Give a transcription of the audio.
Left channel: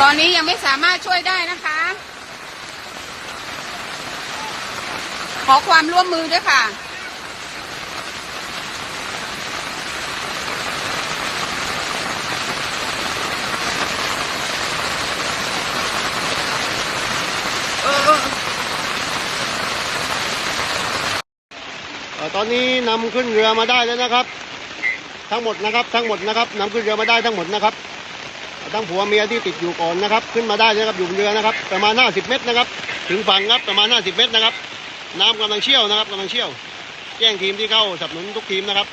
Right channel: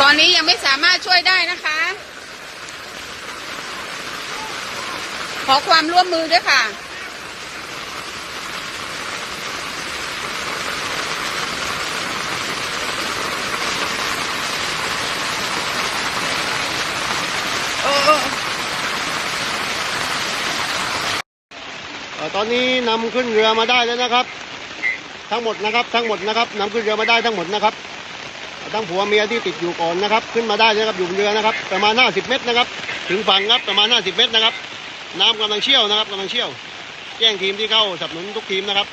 ตอนนี้ยังไม่สามารถช่วยได้นะคะ ขอความร่วมมือด้วยค่ะ เอ่อตอนนี้นำขึ้นเรือมาได้แล้วนะครับ ทั้งหมดนะครับทั้งหมดนะครับนำขึ้นเรือมาได้ทั้งหมดนะครับ ทั้งผัวเมียที่ติดอยู่ก่อนนะครับ ขึ้นมาได้นะครับอยู่บนเรือนะครับ ประมาณ 50 เมตรนะครับ ถึงฝั่งครับประมาณ 50 เมตรนะครับ น้ำกำลังเชี่ยวนะครับกำลังเชี่ยว แจ้งทีมที่เข้าสนับสนุนทุกทีมนะครับ